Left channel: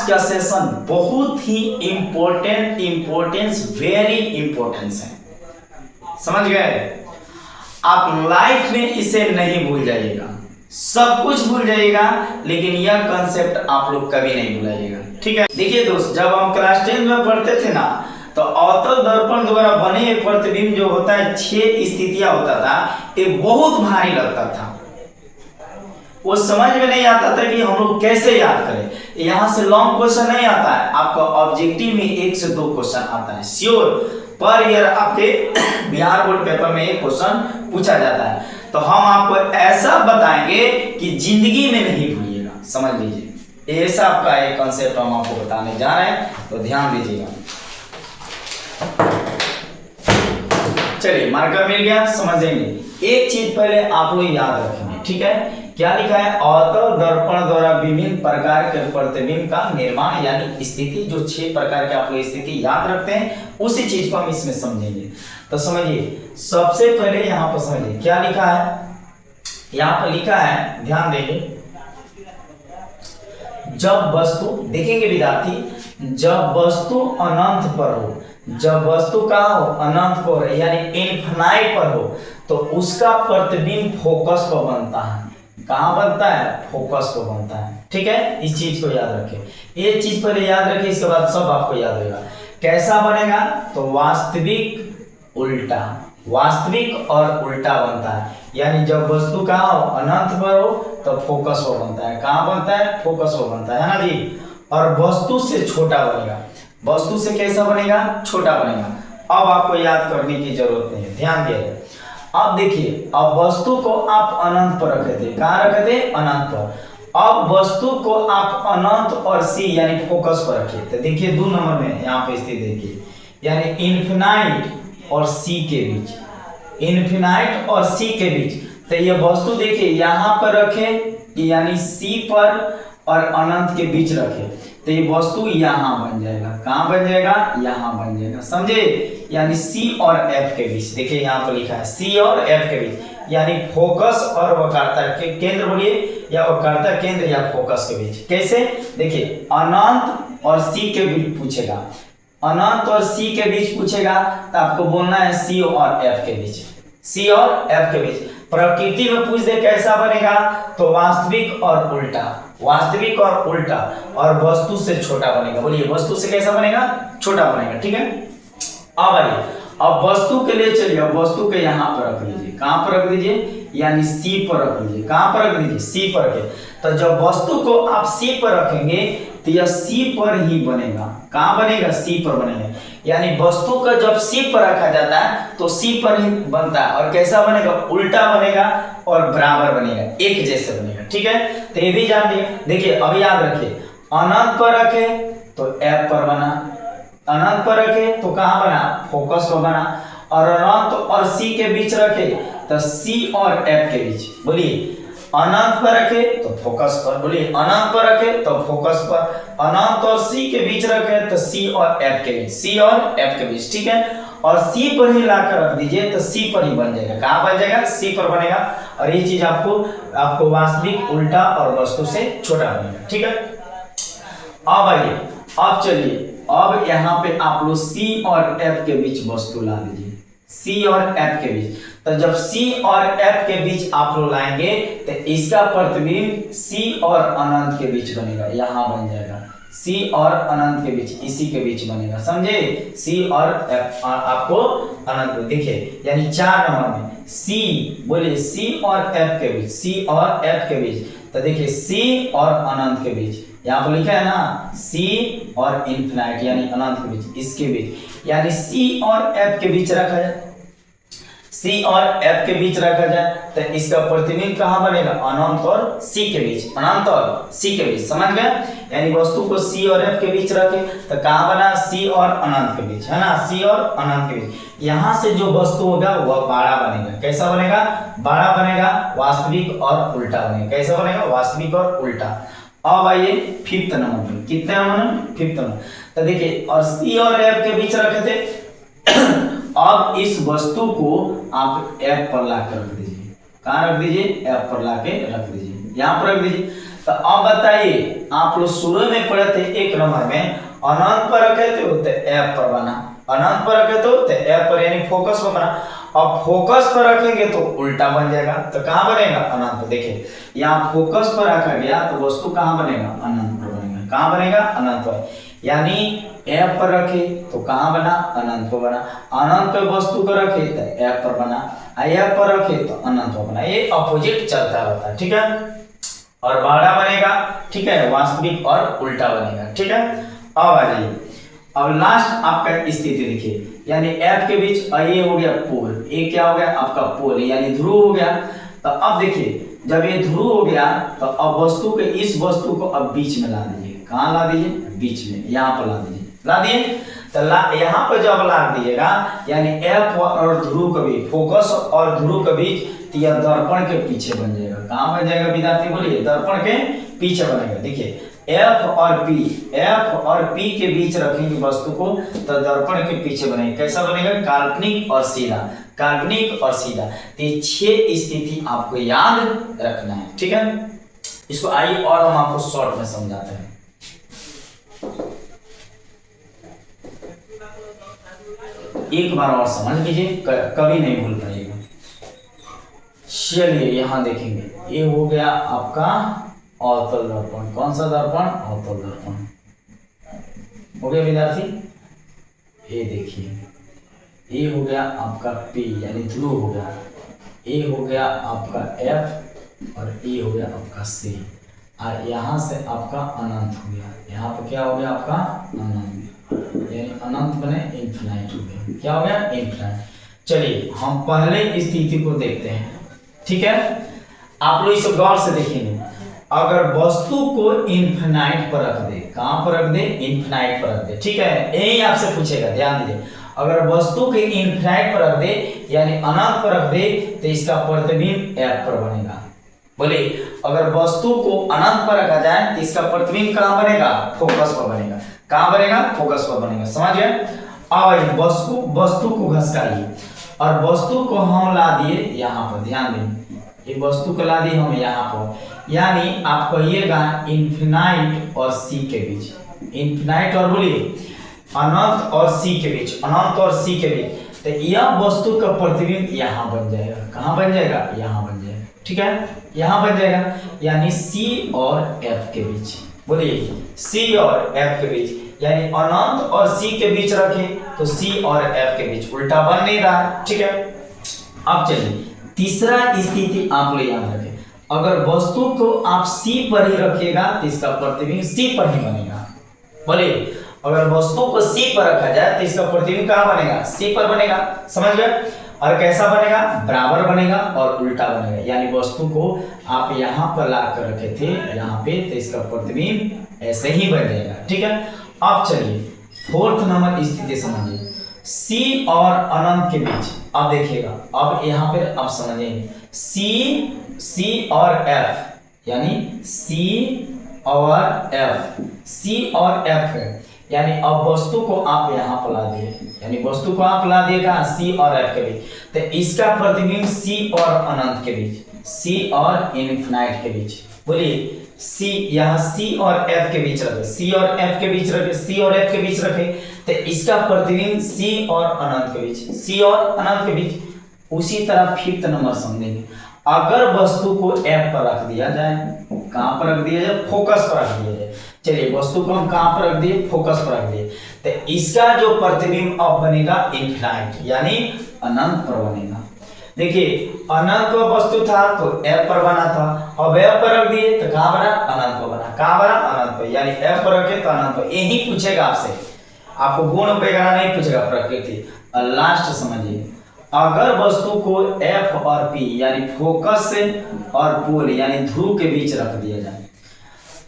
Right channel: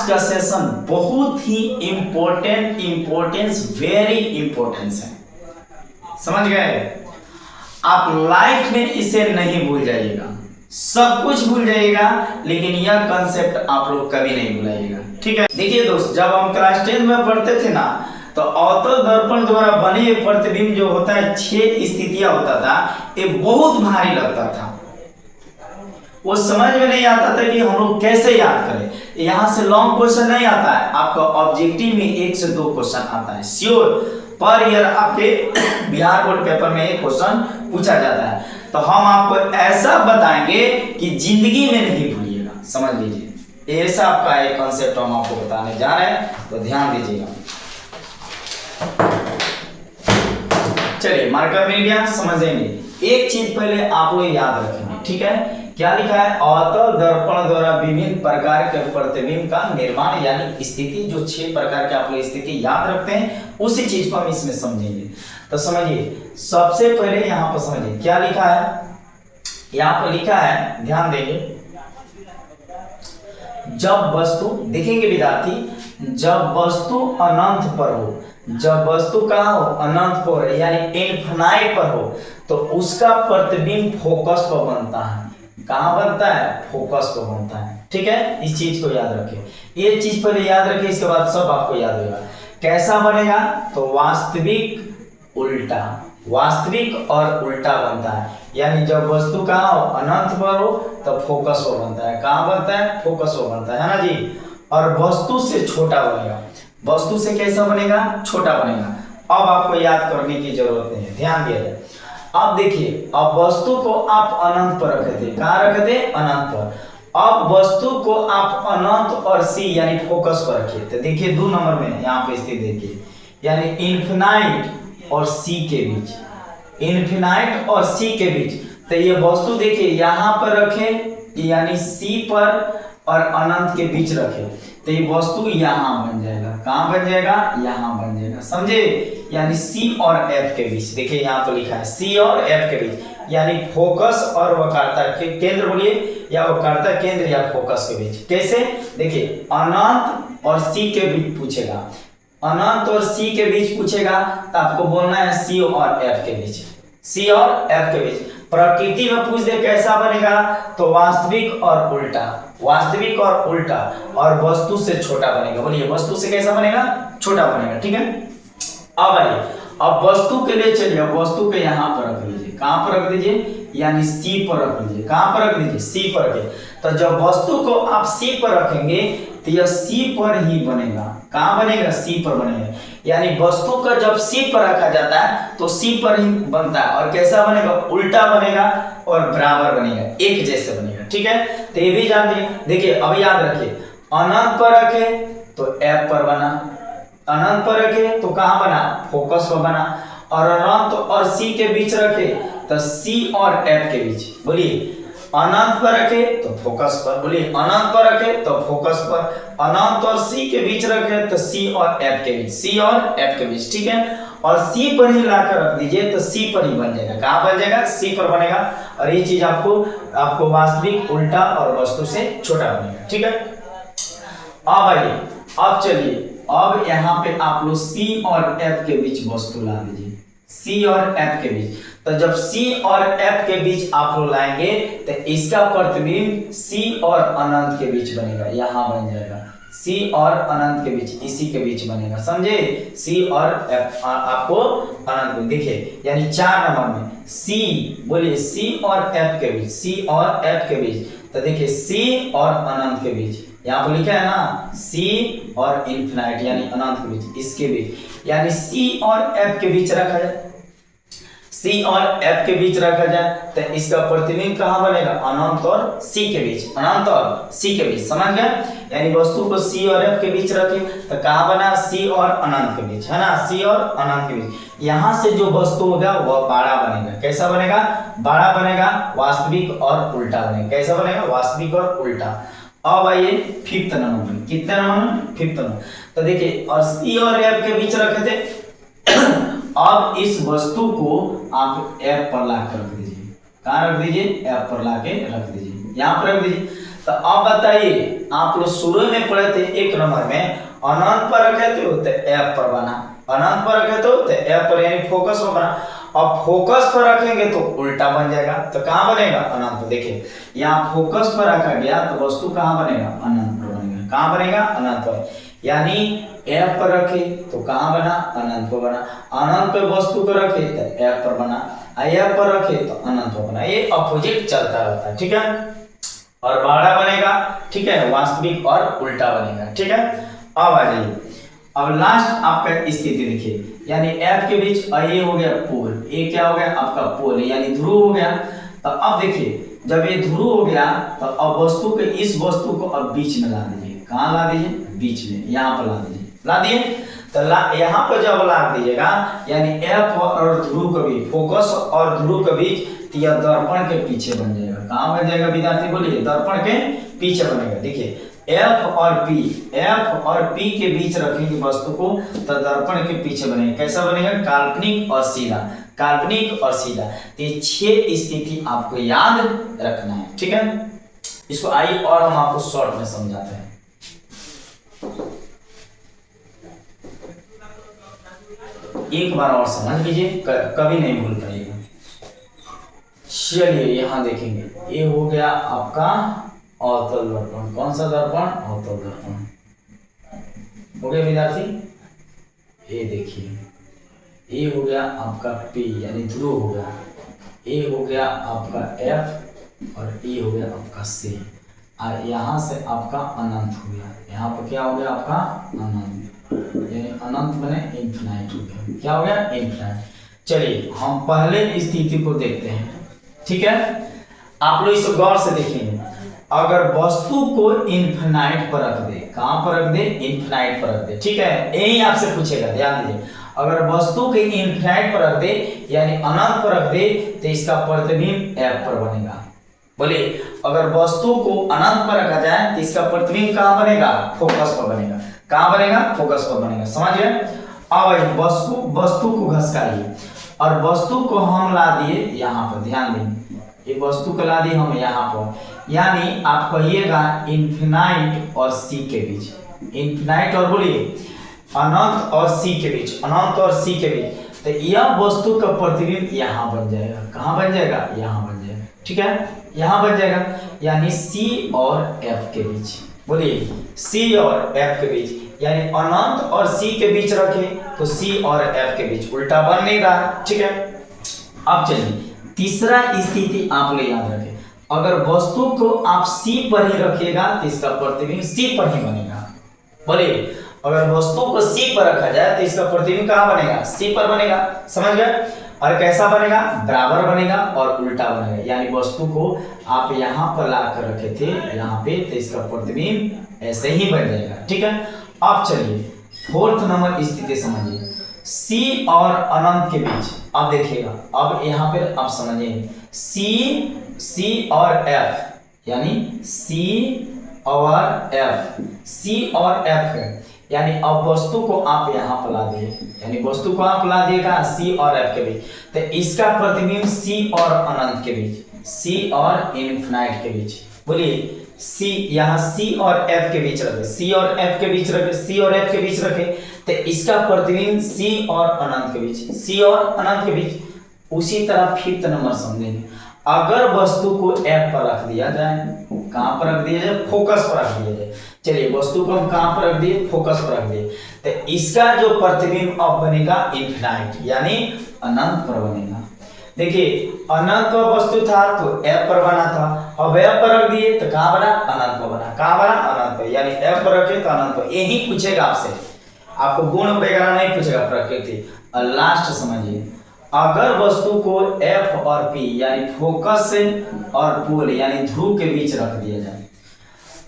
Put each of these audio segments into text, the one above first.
आज का सेशन बहुत ही इम्पोर्टेंस वेरी इम्पोर्टेंस है, समझ गए। आप लाइफ में इसे नहीं भूल जाइएगा, सब कुछ भूल जाइएगा लेकिन यह कंसेप्ट आप लोग कभी नहीं भुलाइएगा, ठीक है। देखिए दोस्त, जब हम क्लास 10 में पढ़ते थे ना, तो अवतल दर्पण द्वारा बने प्रतिबिंब जो होता है 6 स्थितियां होता था, ये बहुत भारी लगता था। वो समझ में नहीं आता था कि हम लोग कैसे याद करें। यहाँ से लॉन्ग क्वेश्चन नहीं आता है, आपका ऑब्जेक्टिव में 1 से 2 क्वेश्चन आता है श्योर। पर ईयर आपके बिहार बोर्ड पेपर में एक क्वेश्चन पूछा जाता है, तो हम आपको ऐसा बताएंगे कि जिंदगी में नहीं भूलिएगा, समझ लीजिए। ऐसा आपका एक कॉन्सेप्ट हम आपको बताने जा रहे हैं, तो ध्यान दीजिएगा। चलिए, मार्कर मिल गया, समझेंगे। एक चीज पहले आप लोग याद रखेंगे, ठीक है। क्या लिखा है? अवतल दर्पण द्वारा विभिन्न प्रकार के प्रतिबिंब का निर्माण, यानी स्थिति, जो 6 प्रकार के आप लोग स्थिति याद रखते हैं, उसी चीज को हम इसमें समझेंगे। तो समझिए, सबसे पहले यहाँ पर समझिए क्या लिखा है। यहाँ पर लिखा है, ध्यान देंगे, जब वस्तु, देखेंगे विद्यार्थी, जब वस्तु अनंत पर हो, जब वस्तु का हो अनंत पर, यानी इनफिनाइट पर हो, तो उसका प्रतिबिंब फोकस पर बनता है। कहां बनता है? फोकस पर बनता है, ठीक है। इस चीज को याद रखें, ये चीज पहले याद रखें, इसके बाद सब आपको याद होगा। कैसा बनेगा? तो वास्तविक उल्टा, वास्तविक और उल्टा बनता है। यानी जब वस्तु कहाँ हो? अनंत पर हो, तो फोकस पर बनता है। कहाँ बनता है? फोकस पर बनता है ना जी। और वस्तु से छोटा बनेगा। वस्तु से कैसा बनेगा? छोटा बनेगा। अब आपको याद करने की जरूरत नहीं है, ध्यान दिया। अब देखिए, अब वस्तु को आप अनंत पर रखे थे। कहाँ रखे थे? अनंत पर। अब वस्तु को आप अनंत और सी यानी फोकस पर रखिए। तो देखिए 2 नंबर में यहाँ पे स्थिति देखिए, यानी इन्फिनाइट और सी के बीच, इन्फिनाइट और सी के बीच। तो ये वस्तु देखिए यहाँ पर रखें, यानी सी पर और अनंत के बीच रखें, तो ये वस्तु यहाँ बन जाएगा। कहाँ बन जाएगा? यहाँ बन जाएगा, समझे। यानी सी और एफ के बीच, देखिए यहाँ तो लिखा है सी और एफ के बीच, यानी फोकस और वक्रता के केंद्र बोलिए, या वक्रता केंद्र या फोकस के बीच। कैसे? देखिए, अनंत और सी के बीच पूछेगा, अनंत और सी के बीच पूछेगा, तो आपको बोलना है सी और एफ के बीच, सी और एफ के बीच। प्रकृति में पूछ दे कैसा बनेगा, तो वास्तविक और उल्टा, वास्तविक और उल्टा, और वस्तु से छोटा बनेगा। बोलिए, वस्तु से कैसा बनेगा? छोटा बनेगा, ठीक है। अब आइए, अब वस्तु के लिए चलिए, वस्तु के यहाँ पर रख लीजिए। कहाँ पर रख दीजिए? यानी सी पर रख लीजिए। कहाँ पर रख दीजिए? सी पर रखिए। तो जब वस्तु को आप सी पर रखेंगे, तो यह सी पर ही बनेगा। कहाँ बनेगा? सी पर बनेगा। यानी वस्तु का जब सी पर रखा जाता है, तो सी पर ही बनता है। और कैसा बनेगा? उल्टा बनेगा और बराबर बनेगा, एक जैसे बनेगा, ठीक है। तो ये भी जान लीजिए। देखिए, अब याद रखिए, अनंत पर रखे तो एफ पर बना, अनंत पर रखे तो कहाँ बना? फोकस पर बना। और अनंत और सी के बीच रखे तो सी और एफ के बीच। बोलिए, अनंत पर रखे तो फोकस पर, बोलिए अनंत पर रखे तो फोकस पर, अनंत और सी के बीच रखे तो सी और एफ के बीच, सी और एफ के बीच, ठीक है। और सी पर ही लाकर रख दीजिए, तो सी पर ही बन जाएगा। कहाँ बन जाएगा? सी पर बनेगा। और ये चीज आपको वास्तविक, उल्टा और वस्तु से छोटा बनेगा, ठीक है। अब आइए, अब चलिए, अब यहाँ पे आप लोग सी और एफ के बीच वस्तु ला दीजिए, सी और एफ के बीच। तो जब सी और एफ के बीच आप लोग लाएंगे, तो इसका प्रतिबिंब सी और अनंत के बीच बनेगा। यहाँ बन जाएगा सी और अनंत के बीच, इसी के बीच बनेगा, समझे। सी और एफ आपको अनंत में देखिए, यानी 4 नंबर में सी, बोलिए सी और एफ के बीच, सी और एफ के बीच। तो देखिए, सी और अनंत के बीच, यहाँ पर लिखा है ना, सी और इन्फिनाइट यानी अनंत के बीच, इसके बीच, यानी सी और एफ के बीच रखा जाए, सी और एफ के बीच रखा जाए, तो इसका प्रतिबिंब कहाँ बनेगा? अनंत और सी के बीच, अनंत और सी के बीच, समझ गए। यानी वस्तु को सी और एफ के बीच रखे तो कहाँ बना? सी और अनंत के बीच, है ना, सी और अनंत के बीच। यहाँ से जो वस्तु होगा वह बाड़ा बनेगा। कैसा बनेगा? बाड़ा बनेगा, वास्तविक और उल्टा बनेगा। कैसा बनेगा? वास्तविक और उल्टा। अब आइए 5th नंबर में, कितने नंबर में? 5th number. तो देखिए, और सी और एफ के बीच रखे थे, अब इस वस्तु को आप एफ पर लाकर रख दीजिए। कहाँ रख दीजिए? एफ पर लाके रख दीजिए, यहाँ पर रख दीजिए। तो अब बताइए, आप लोग शुरू में पढ़े थे 1 नंबर में, अनंत पर रखे थे तो एफ पर बना, अनंत पर रखे तो एफ पर यानी फोकस पर बना। अब फोकस पर रखेंगे तो उल्टा बन जाएगा, तो कहाँ बनेगा? अनंत पर। देखिए यहाँ फोकस पर रखा गया तो वस्तु कहाँ बनेगा? अनंत पर बनेगा। कहाँ बनेगा? अनंत पर। यानी एफ पर रखे तो कहाँ बना? अनंत पर बना। अनंत पर वस्तु को रखे तो एफ पर बना, एफ पर रखे तो अनंत पर बना। ये अपोजिट चलता रहता है, ठीक है। और बड़ा बनेगा, ठीक है, वास्तविक और उल्टा बनेगा, ठीक है। अब आ जाइए, अब लास्ट आपका स्थिति देखिए, यानी एफ के बीच ये हो गया पोल, ये क्या हो गया? आपका पोल यानी ध्रुव हो गया। तो अब देखिए जब ये ध्रुव हो गया तो अब वस्तु के इस वस्तु को अब बीच में ला दीजिए। कहाँ ला दीजिए? बीच में, यहाँ पर ला दीजिए। ला दिए तो यहाँ पर जब ला दीजिएगा यानी एफ और ध्रुव के बीच, फोकस और ध्रुव के बीच, तो यह दर्पण के पीछे बन जाएगा। कहाँ बन जाएगा विद्यार्थी? बोलिए, दर्पण के पीछे बनेगा। देखिए एफ और पी के बीच रखेंगे वस्तु को तो दर्पण के पीछे बनेगा। कैसा बनेगा? काल्पनिक और सीधा, काल्पनिक और सीधा। तो ये 6 स्थिति आपको याद रखना है, ठीक है। इसको आइए और हम आपको शॉर्ट में समझाते हैं। एक बार और समझ लीजिए, कभी नहीं भूल पाइएगा। चलिए यहाँ देखेंगे, ये हो गया आपका अवतल दर्पण। कौन सा दर्पण? अवतल दर्पण हो गया विद्यार्थी। ये देखिए, ये हो गया आपका P यानी ध्रुव हो गया, ये हो गया आपका F और ये हो गया आपका C, और यहाँ से आपका अनंत हो गया। यहाँ पर क्या हो गया? आपका अनंत, यानी अनंत बने इन्फिनाइट हो गया। क्या हो गया? इन्फिनाइट। चलिए हम पहले स्थिति को देखते हैं, ठीक है। आप लोग इसे गौर से देखेंगे। अगर वस्तु को इन्फिनाइट पर रख दे, कहां पर रख दे? इन्फिनाइट पर रख दे, ठीक है। यही आपसे पूछेगा, ध्यान दीजिए। अगर वस्तु के इन्फिनाइट पर रख दे यानी अनंत पर रख दे तो इसका प्रतिबिंब एफ पर बनेगा। बोलिए, अगर वस्तु को अनंत पर रखा जाए तो इसका प्रतिबिंब कहां बनेगा? फोकस पर बनेगा। कहां बनेगा? फोकस पर बनेगा। समझ गए? अब वस्तु को घसकाइए और वस्तु को हम ला दिए यहाँ पर, ध्यान देंगे, ये वस्तु को ला दिए हम यहाँ पर, यानी आप कहिएगा इन्फिनाइट और सी के बीच, इन्फिनाइट और बोलिए अनंत और सी के बीच, अनंत और सी के बीच। तो यह वस्तु का प्रतिबिंब यहाँ बन जाएगा। कहाँ बन जाएगा? यहाँ बन जाएगा, ठीक है, यहाँ बन जाएगा। यानी सी और एफ के बीच, बोलिए सी और एफ के बीच, यानी अनंत और सी के बीच रखें तो सी और एफ के बीच, उल्टा बन नहीं रहा, ठीक है। अब चलिए तीसरा स्थिति आप लोग याद रखें। अगर वस्तु को आप सी पर ही रखिएगा तो इसका प्रतिबिंब सी पर ही बनेगा। बोलिए, अगर वस्तु को सी पर रखा जाए तो इसका प्रतिबिंब कहाँ बनेगा? सी पर बनेगा। समझ गए? और कैसा बनेगा? बराबर बनेगा और उल्टा बनेगा। यानी वस्तु को आप यहाँ पर ला कर रखे थे यहाँ पे, तो इसका प्रतिबिंब ऐसे ही बन जाएगा, ठीक है। अब चलिए 4th नंबर स्थिति समझिए, सी और अनंत के बीच। अब देखिएगा, अब यहाँ पे आप समझिए, सी और एफ, यानी सी और एफ है, यानी अब वस्तु को आप यहाँ पर ला दिए, यानी वस्तु को आप ला दिएगा सी और एफ के बीच, तो इसका प्रतिबिंब सी और अनंत के बीच, सी और इनफिनाइट के बीच। बोलिए सी, यहाँ सी और एफ के बीच रखे, सी और एफ के बीच रखे, सी और एफ के बीच रखे, तो इसका प्रतिबिंब सी और अनंत के बीच, सी और अनंत के बीच। उसी तरह 5th नंबर समझेंगे। अगर वस्तु को एफ पर रख दिया जाए, कहां पर रख दिया जाए? फोकस पर रख दिया जाए। चलिए वस्तु को हम कहां पर रख दिए? फोकस पर रख दिए, तो इसका जो प्रतिबिंब अब बनेगा इनफिनाइट, यानी अनंत पर बनेगा। देखिए अनंत पर वस्तु था तो एफ पर बना था, अब एफ पर रख दिए तो कहां बना? अनंत पर बना। कहां बना? अनंत पर, यानी एफ पर रखे तो अनंत पर। यही पूछेगा आपसे, आपको गुण वगैरह नहीं पूछेगा, प्रकृति। और लास्ट समझिए, अगर वस्तु को एफ और पी यानी फोकस और पोल यानी ध्रुव के बीच रख दिया जाए,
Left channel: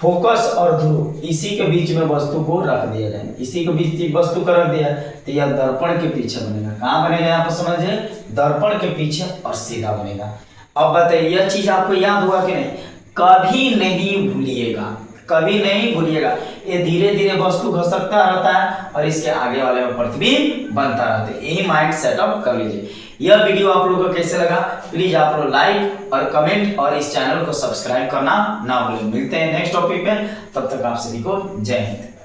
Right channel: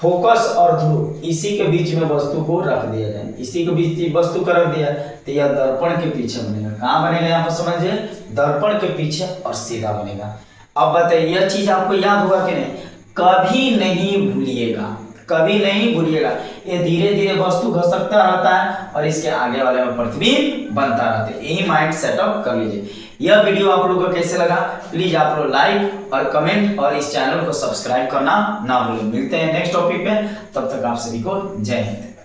फोकस और ध्रुव इसी के बीच में वस्तु को रख दिया जाए, इसी के बीच वस्तु को रख दिया तो यह दर्पण के पीछे बनेगा। कहाँ बनेगा? यहाँ पर समझिए, दर्पण के पीछे और सीधा बनेगा। अब बताइए यह चीज आपको याद हुआ कि नहीं? कभी नहीं भूलिएगा, कभी नहीं भूलिएगा। ये धीरे धीरे वस्तु घसकता रहता है और इसके आगे वाले में प्रतिबिंब बनता रहता है। यही माइंड सेटअप कर लीजिए। यह वीडियो आप लोगों को कैसे लगा प्लीज आप लोग लाइक और कमेंट और इस चैनल को सब्सक्राइब करना ना भूलें। मिलते हैं नेक्स्ट टॉपिक में, तब तक आप सभी को जय हिंद।